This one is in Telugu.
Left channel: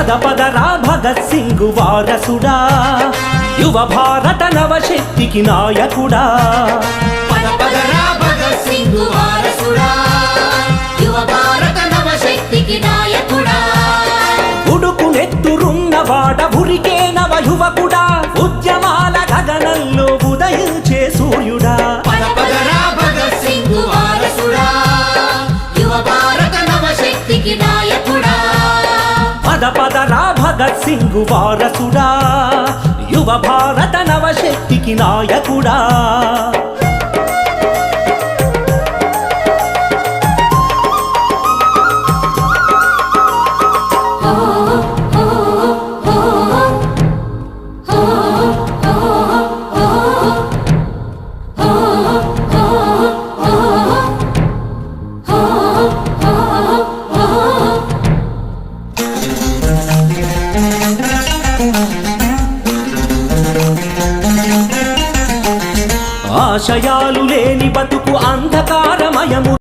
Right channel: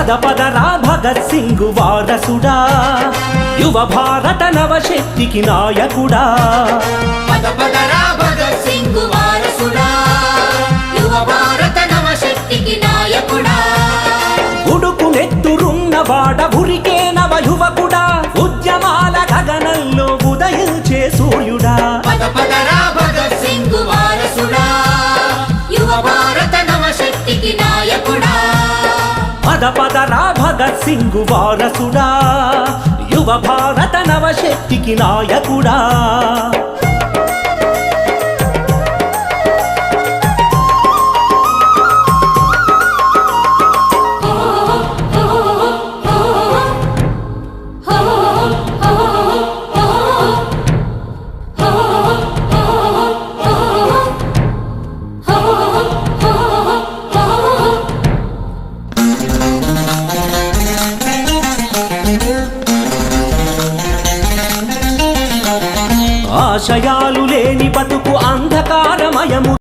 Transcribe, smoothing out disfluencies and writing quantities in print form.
పద పదరా భగత్ సింగ్ వారసుడా, యువ భారత నవశక్తికి నాయకుడా. పద పదరా భగత్ సింగ్ వారసుడా, యువ భారత నవశక్తికి నాయకుడా. ఉడుకు నెత్తురున్నవాడ ఉరికే నవ యువకుడా, ఉద్యమాల గగనంలో ఉదయించే సూర్యుడా. పద పదరా భగత్ సింగ్ వారసుడా, యువ భారత నవశక్తికి నాయకుడా. పద పదరా భగత్ సింగ్ వారసుడా, యువ భారత నవశక్తికి నాయకుడా. ఆశయాలు లేని బతుకు అంధకారమయము.